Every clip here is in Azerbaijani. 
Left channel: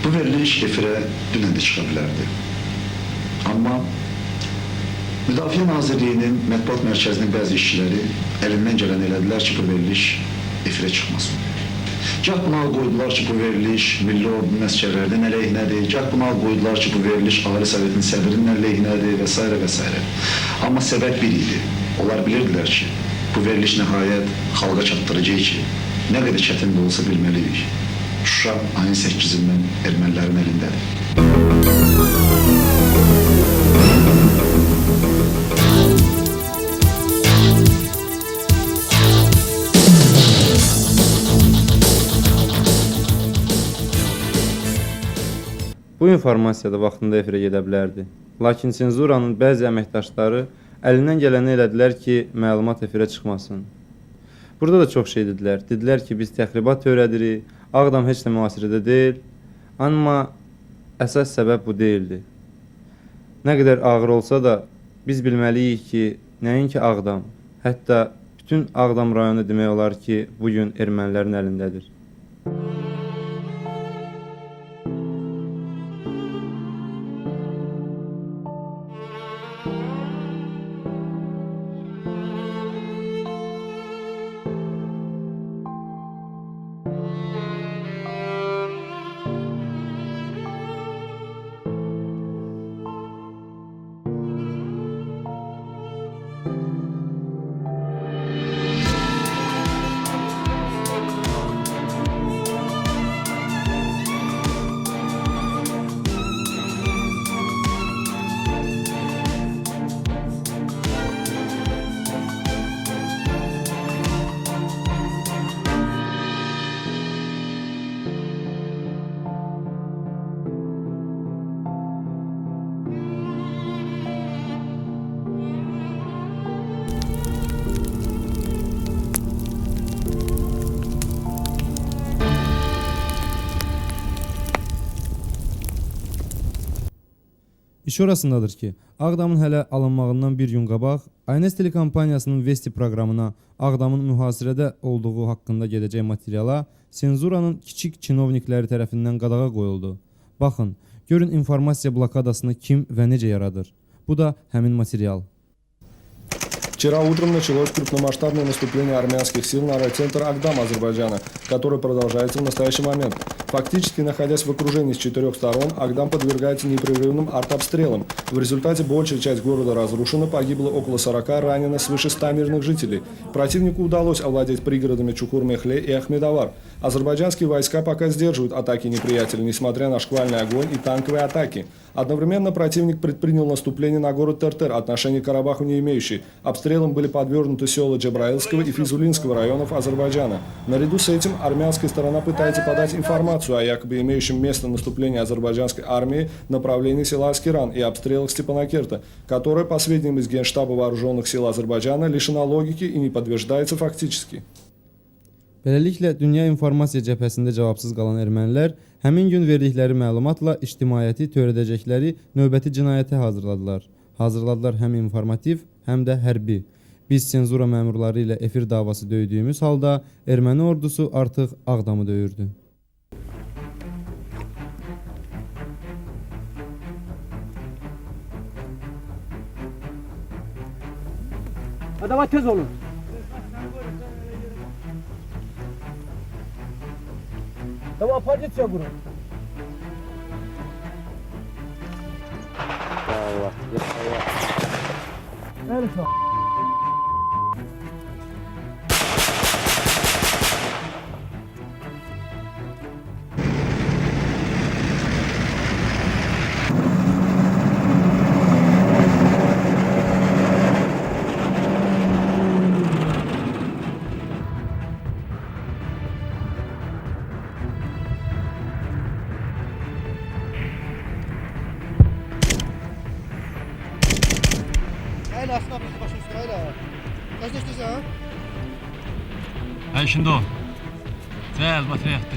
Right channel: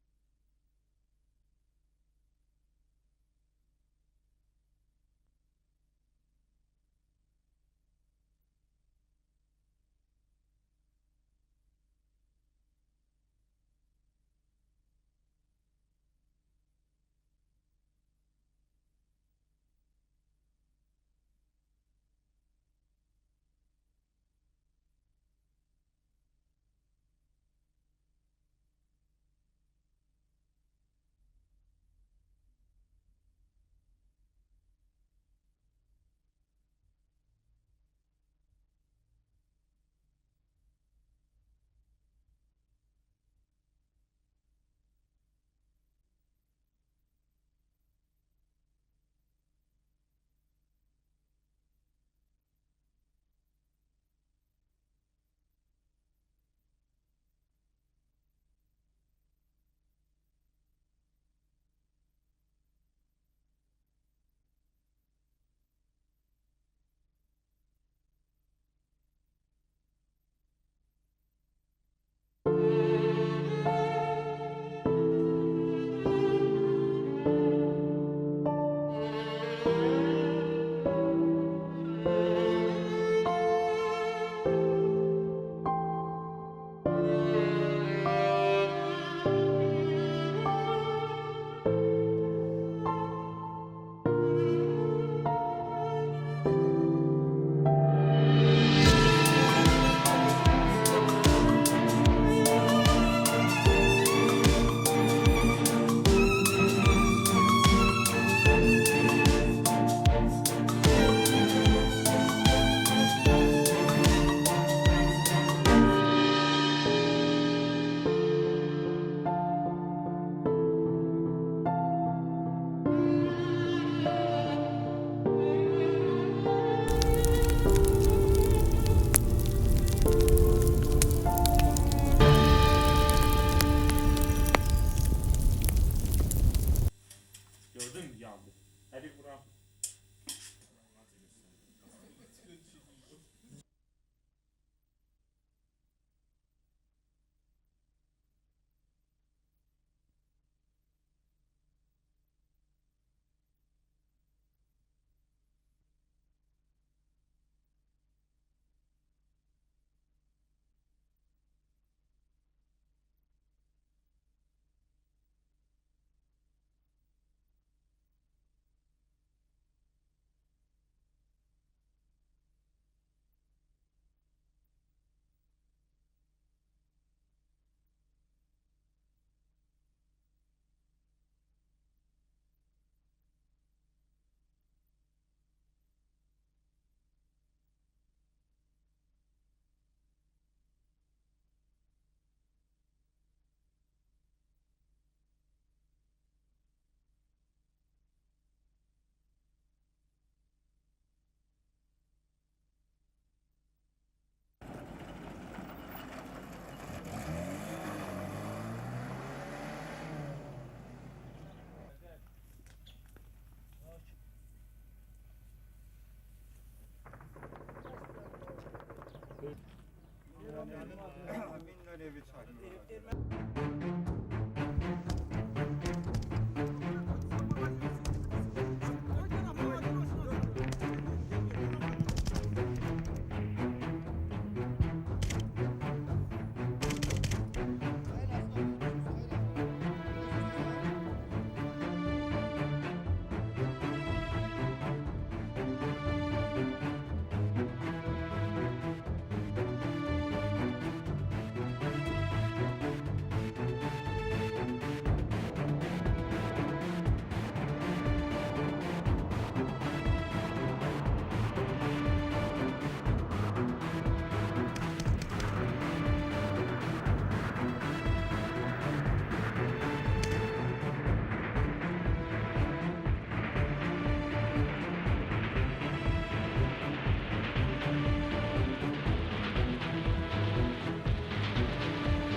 Bu veriliş efirə dünən də çıxa bilərdi. Amma Müdafiə Nazirliyinin mətbuat mərkəzinin bəzi işçiləri əlindən gələn elədilər ki, bu veriliş efirə çıxmasın. Gah buna qoydular ki, bu veriliş Milli Ordunun əsgərlərinin əleyhinədir, gah buna qoydular ki, bu veriliş Ali Sovetinin sədrinin əleyhinədir və s. və s. Amma səbəb bir idi. Onlar bilirdilər ki, bu veriliş nəhayət xalqa çatdıracaq ki, nə qədər çətin də olsa bilməliyik. Şuşa ayın 8-dən ermənilərin əlindədir. Bu informasiya da vaxtında efirə gedə bilərdi. Lakin senzuranın bəzi əməkdaşları əlindən gələni elədilər ki, məlumat efirə çıxmasın. Burada da çox şey dedilər. Dedilər ki, biz təxribat törədirik, Ağdam heç də mühasirədə deyil. Amma əsas səbəb bu deyildi. Nə qədər ağır olsa da biz bilməliyik ki, nəinki Ağdam, hətta bütün Ağdam rayonu demək olar ki, bugün ermənilərin əlindədir. İş orasındadır ki, Ağdamın hələ alınmağından bir gün qabaq Aynes telekampaniyasının Vesti proqramına Ağdamın mühasirədə olduğu haqqında gedəcək materiala senzuranın kiçik çinovnikləri tərəfindən qadağa qoyuldu. Baxın, görün informasiya blokadasını kim və necə yaradır. Bu da həmin material. Вчера утром началось крупномасштабное наступление армянских сил на райцентр Агдам Азербайджана, которое продолжается в настоящий момент. Фактически, находясь в окружении с 4 сторон, Агдам подвергается непрерывным артобстрелам. В результате большая часть города разрушена, погибло около 40, ранено свыше 100 мирных жителей. Противнику удалось овладеть пригородами Чукур-Мехле и Ахмедовар. Азербайджанские войска пока сдерживают атаки неприятеля, несмотря на шквальный огонь и танковые атаки. Одновременно противник предпринял наступление на город Тертер, отношения к Карабаху не имеющий. Обстрелом были подвергнуты села Джабраилского и Физулинского районов Азербайджана. Наряду с этим армянская сторона пытается подать информацию о якобы имеющем место наступлении азербайджанской армии в направлении села Аскеран и обстрелах Степанакерта, которое, по сведениям из Генштаба вооруженных сил Азербайджана, лишена логики и не подтверждается фактически. Beləliklə, dünya informasiya cəbhəsində cavabsız qalan ermənilər həmin gün verdikləri məlumatla ictimaiyyəti törədəcəkləri növbəti cinayəti hazırladılar. Hazırladılar həm informativ, həm də hərbi. Biz senzura məmurları ilə efir davası döydüyümüz halda erməni ordusu artıq Ağdamı döyürdü. Давай tez olun. Tamam, позиция bunu. Allah. Nerede? Şimdi o. Güzel, batı yaktı.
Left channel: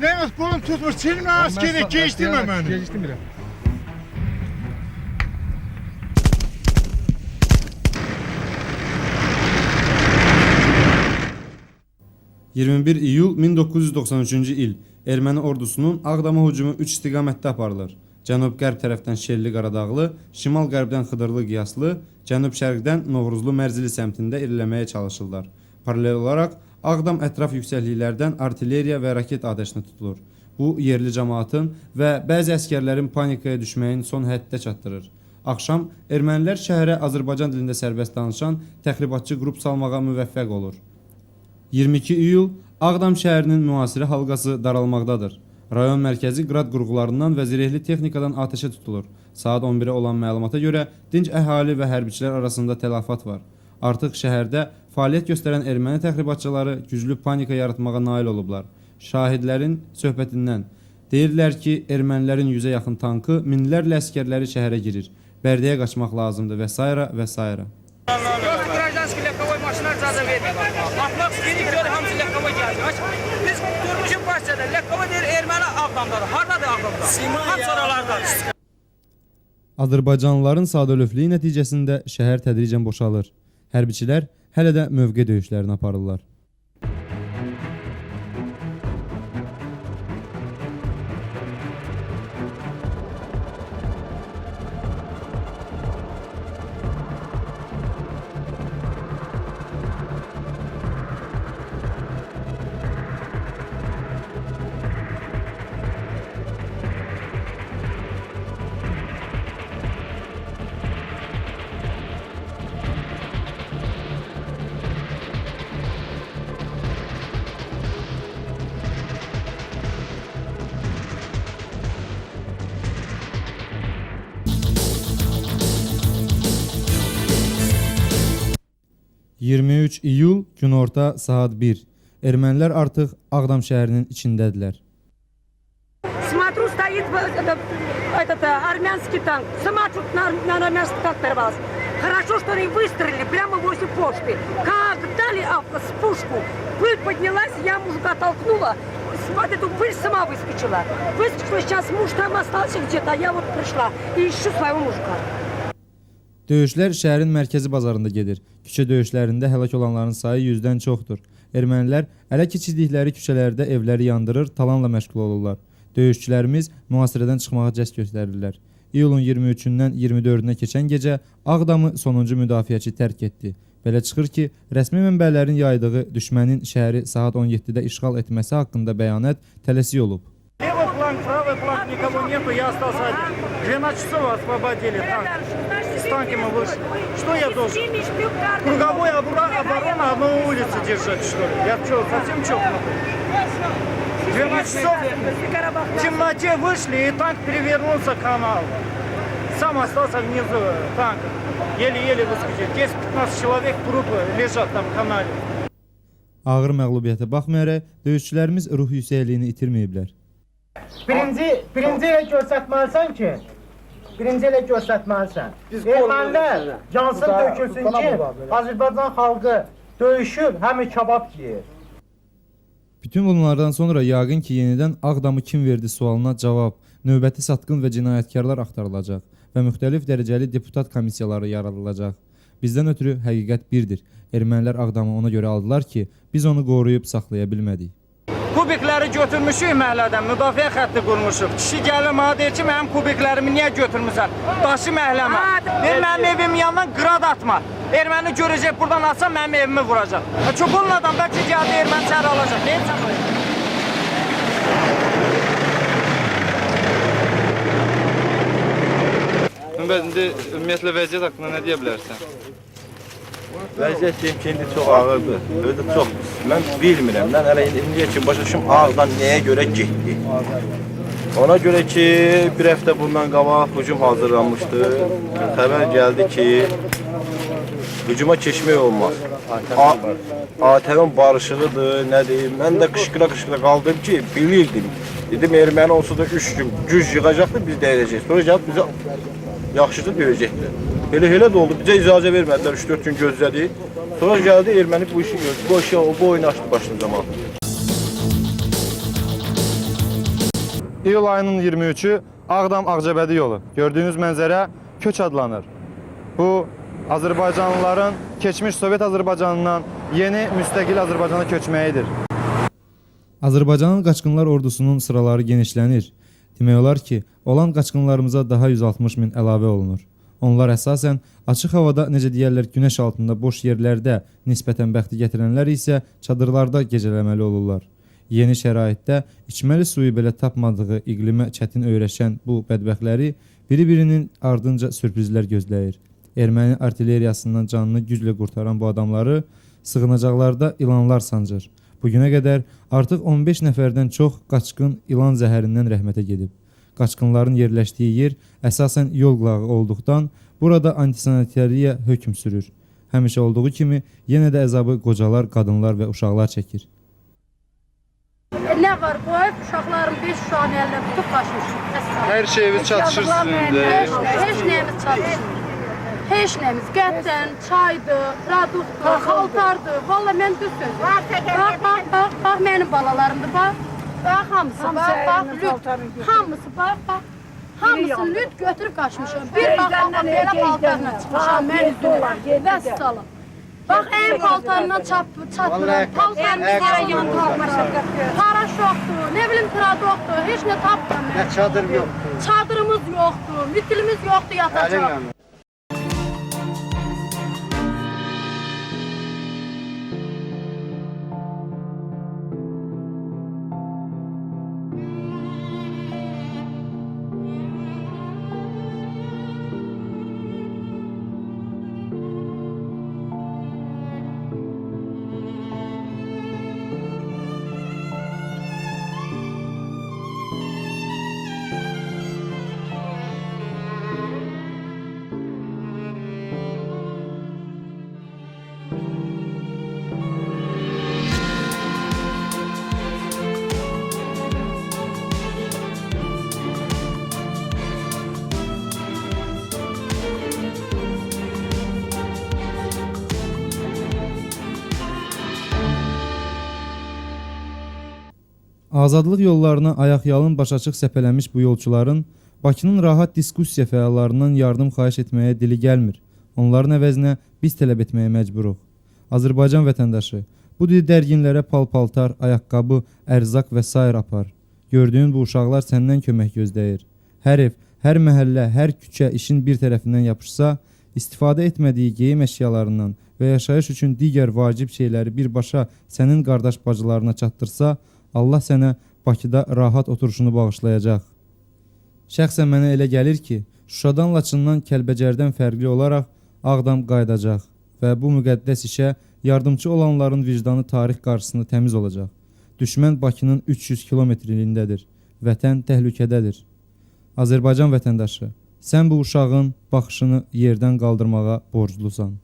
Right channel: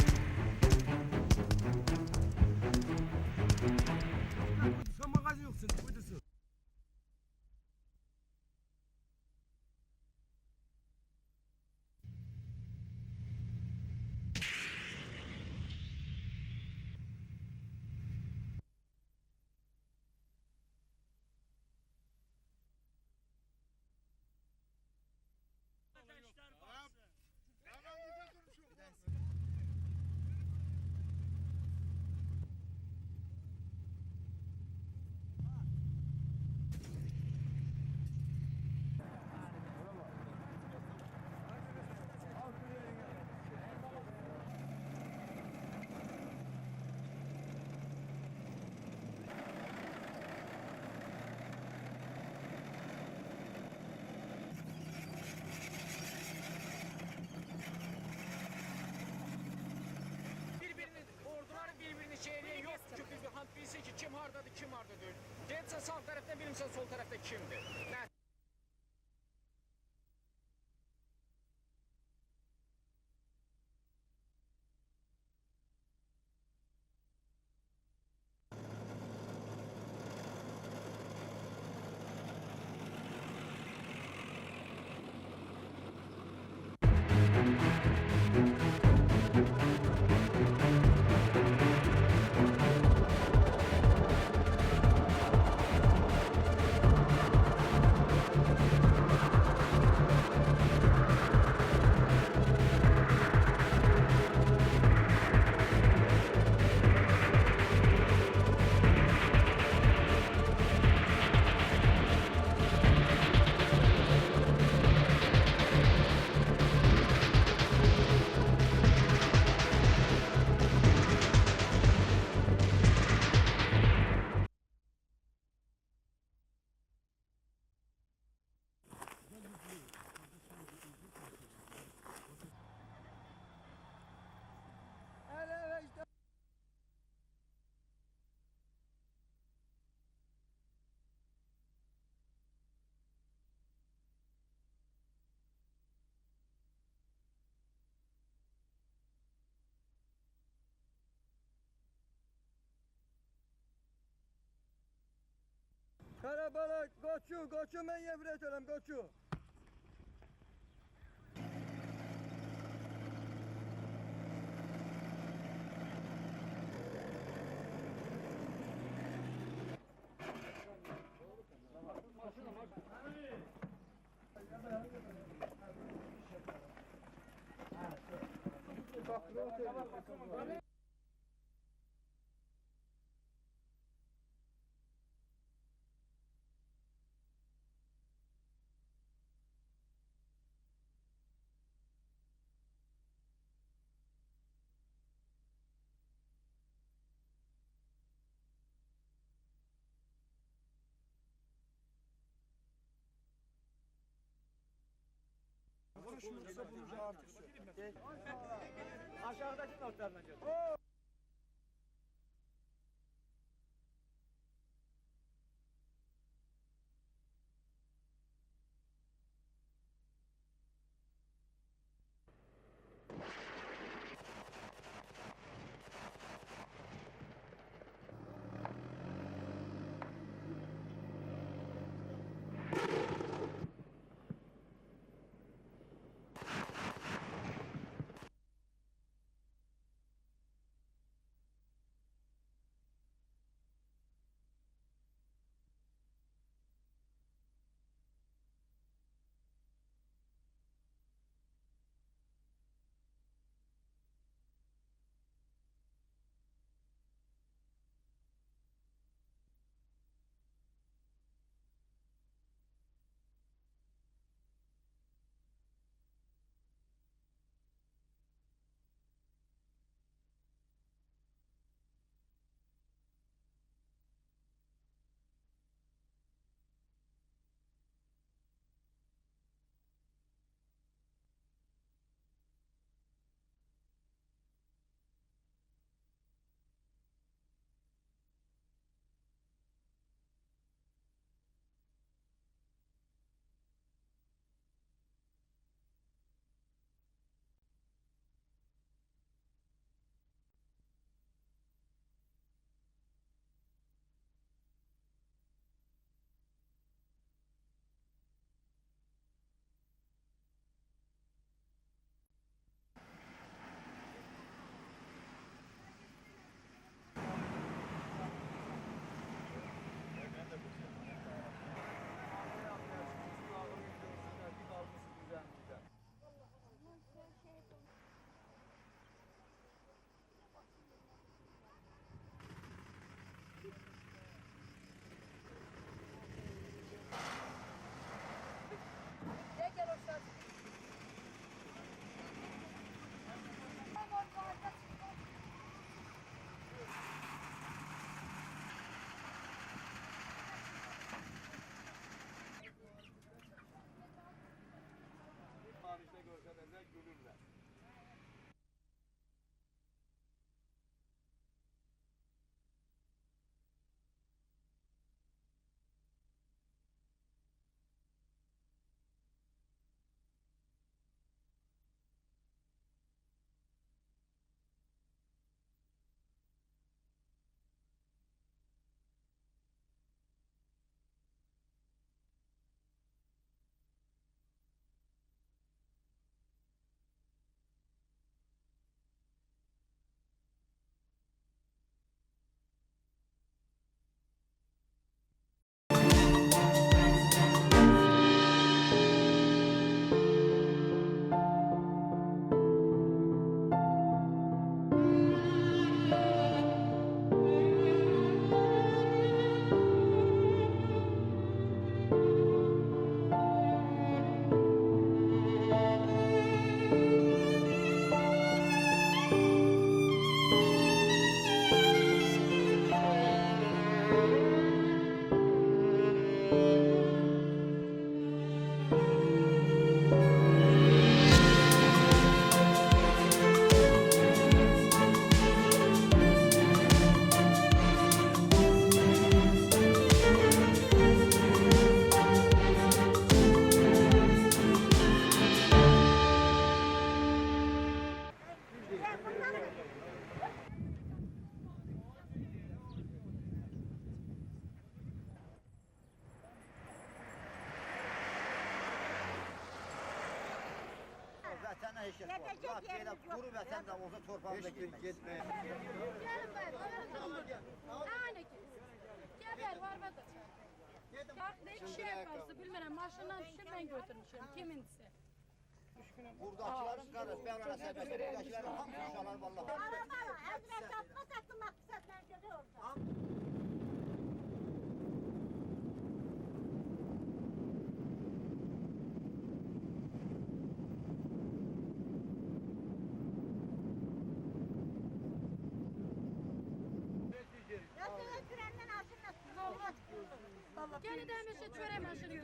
Demek kolum tutmuş. Senin askeri geçtirme beni. Geçtirmirəm. 21 iyul 1993-cü il erməni ordusunun Ağdama hücumu 3 istiqamətdə aparılır. Cənub-qərb tərəfdən Şelli Qaradağlı, şimal-qərbdən Xıdırlı Qiyaslı, cənub-şərqdən Novruzlu Mərzili səmtində irəliləməyə çalışırlar. Paralel olaraq Ağdam ətraf yüksəkliklərdən artilleriya və raket atəşinə tutulur. Bu, yerli cəmaatın və bəzi əskərlərin panikaya düşməyin son həddə çatdırır. Axşam ermənilər şəhərə Azərbaycan dilində sərbəst danışan təxribatçı qrup salmağa müvəffəq olur. 22 iyul Ağdam şəhərinin müasiri halqası daralmaqdadır. Rayon mərkəzi qrad qurğularından və zirehli texnikadan atəşə tutulur. Saat 11-ə olan məlumata görə dinc əhali və hərbiçilər arasında tələfat var. Artıq şəhərdə fəaliyyət göstərən erməni təxribatçıları güclü panika yaratmağa nail olublar. Şahidlərin söhbətindən deyirlər ki, ermənilərin 100-ə yaxın tankı, minlərlə əskərləri şəhərə girir. Bərdəyə qaçmaq lazımdır və s. və s. Гражданский легковой машина icazə vermir. Atmaq istəyirik, gör hamısı lehkovay gəlir. Biz durmuşuq başçada, lehkovay deyir, erməni Ağdamdadır. Hardadır Ağdamda? Hamısı oralardadır. Azərbaycanlıların sadəlövflüyü nəticəsində şəhər tədricən boşalır. Hərbiçilər hələ də mövqe döyüşlərini aparırlar. ...23 iyul günorta saat 1. Ermənilər artıq Ağdam şəhərinin içindədirlər. Смотрю, стоит этот армянский танк. Сама чуть на армянский танк порвалась. Хорошо, что они выстрелили прямо возле почты. Как дали с пушку, пыль поднялась, я мужика толкнула. Вот эту пыль сама выскочила. Выскочила, сейчас муж там остался где-то, а я вот пришла и ищу своего мужика. Döyüşlər şəhərin mərkəzi bazarında gedir. Küçə döyüşlərində həlak olanların sayı 100-dən çoxdur. Ermənilər ələ keçirdikləri küçələrdə evləri yandırır, talanla məşğul olurlar. Döyüşçülərimiz mühasirədən çıxmağa cəhd göstərirlər. İyulun 23-dən 24-nə keçən gecə Ağdamı sonuncu müdafiəçi tərk etdi. Belə çıxır ki, rəsmi mənbələrin yaydığı düşmənin şəhəri saat 17-də işğal etməsi haqqında bəyanat tələsik olub. Левый фланг, правый фланг, никого нету, я остался один. 12 часов освободили танк. С танком мы вышли. Что я должен? Круговой оборона одной улицы держать, что ли? Я что, совсем чокнутый? 12 часов в темноте вышли, и танк перевернулся к каналу. Сам остался внизу танка. Еле-еле выскочил. 10-15 человек трупы лежат там в канале. Ağır məğlubiyyətə baxmayaraq, döyüşçülərimiz ruh yüksəkliyini itirməyiblər. Birinci ilə göstərməlisən ki, ermənilər cansın dökülsün ki, Azərbaycan xalqı döyüşür, həmi kabab yiyir. Bütün bunlardan sonra yəqin ki, yenidən Ağdamı kim verdi sualına cavab, növbəti satqın və cinayətkarlar axtarılacaq və müxtəlif dərəcəli deputat komissiyaları yaradılacaq. Bizdən ötürü həqiqət birdir. Ermənilər Ağdamı ona görə aldılar ki, biz onu qoruyub saxlaya bilmədik. Kubikləri götürmüşük məhəllədən, müdafiə xətti qurmuşuq. Kişi gəlir mənə deyir ki, mənim kubiklərimi niyə götürmüsən? Daşı məhəlləmə. Deyir, mənim evimin yanından qrad atma. Erməni görəcək, buradan atsa mənim evimi vuracaq. Çox olmadan bəlkə gəldi erməni çəri alacaq. Neyim sən? İndi ümumiyyətlə vəziyyət haqqında nə deyə bilərsən? Vəziyyət deyim ki, indi çox ağırdır, özü çox. Mən bilmirəm, mən hələ indiyə kimi başa düşüm Ağdam nəyə görə getdi. Ona görə ki, bir həftə bundan qabaq hücum hazırlanmışdı. Xəbər gəldi ki, hücuma keçmək olmaz. ATV-in barışığıdır, nə deyim. Mən də qışqıra qaldım ki, bilirdim. Dedim, erməni olsa da 3 gün güc yığacaqdır, biz də edəcəyik. Sonra gəlib bizə yaxşıdır, döyəcəkdir. Elə də oldu. Bizə icazə vermədilər. 3-4 gün gözlədik. Sonra gəldi erməni bu işi gördü. Bu oyunu açdı başını zaman. İyul ayının 23-ü Ağdam-Ağcabədi yolu. Gördüyünüz mənzərə köç adlanır. Bu, Azərbaycanlıların keçmiş Sovet Azərbaycanından yeni müstəqil Azərbaycana köçməyidir. Azərbaycanın qaçqınlar ordusunun sıraları genişlənir. Demək olar ki, olan qaçqınlarımıza daha 160 min əlavə olunur. Onlar əsasən açıq havada, necə deyərlər, günəş altında boş yerlərdə nisbətən bəxti gətirənlər isə çadırlarda gecələməli olurlar. Yeni şəraitdə içməli suyu belə tapmadığı iqlimə çətin öyrəşən bu bədbəxtləri biri-birinin ardınca sürprizlər gözləyir. Erməni artilleriyasından canını güclə qurtaran bu adamları sığınacaqlarda ilanlar sancır. Bugünə qədər artıq 15 nəfərdən çox qaçqın ilan zəhərindən rəhmətə gedib. Qaçqınların yerləşdiyi yer əsasən yol qırağı olduqdan burada antisanitariya hökm sürür. Həmişə olduğu kimi yenə də əzabı qocalar, qadınlar və uşaqlar çəkir. Nə var qoyub, uşaqların 5 uşağın əlinə tutub qaçmışıq. Hər şeyiniz çatışır sizin də. Heç nəyimiz çatışır. Heç nəyimiz qətdən, çaydır, produktdur, xaltardır. Valla mən düz sözüm. Bax, mənim balalarımdır, bax. Bax, hamısı, bax, lüt. Hamısı, bax. Hamısını lüt götürüb qaçmışam. Bir bax, belə paltarla çıxmışam, mən üzülürəm. Vəssalam. Bax, ən paltarından çatmıram. Paltarımız yan qalmışam. Paraşokdur, nə bilim, produktdur, heç nə tapmıram. Nə çadır yoxdur. Çadırımız yoxdur, mütilimiz yoxdur, yatacaq. Azadlıq yollarına ayaqyalın başaçıq səpələnmiş bu yolçuların Bakının rahat diskussiya fəallarından yardım xahiş etməyə dili gəlmir. Onların əvəzinə biz tələb etməyə məcburuq. Azərbaycan vətəndaşı, bu dil dərginlərə pal-paltar, ayaqqabı, ərzaq və s. apar. Gördüyün bu uşaqlar səndən kömək gözləyir. Hər ev, hər məhəllə, hər küçə işin bir tərəfindən yapışsa, istifadə etmədiyi geyim əşyalarından və yaşayış üçün digər vacib şeyləri birbaşa sənin qardaş bacılarına çatdırsa, Allah sənə Bakıda rahat oturuşunu bağışlayacaq. Şəxsən mənə elə gəlir ki, Şuşadan, Laçından, Kəlbəcərdən fərqli olaraq Ağdam qayıdacaq və bu müqəddəs işə yardımcı olanların vicdanı tarix qarşısında təmiz olacaq. Düşmən Bakının 300 kilometrliyindədir. Vətən təhlükədədir. Azərbaycan vətəndaşı, sən bu uşağın baxışını yerdən qaldırmağa borclusan.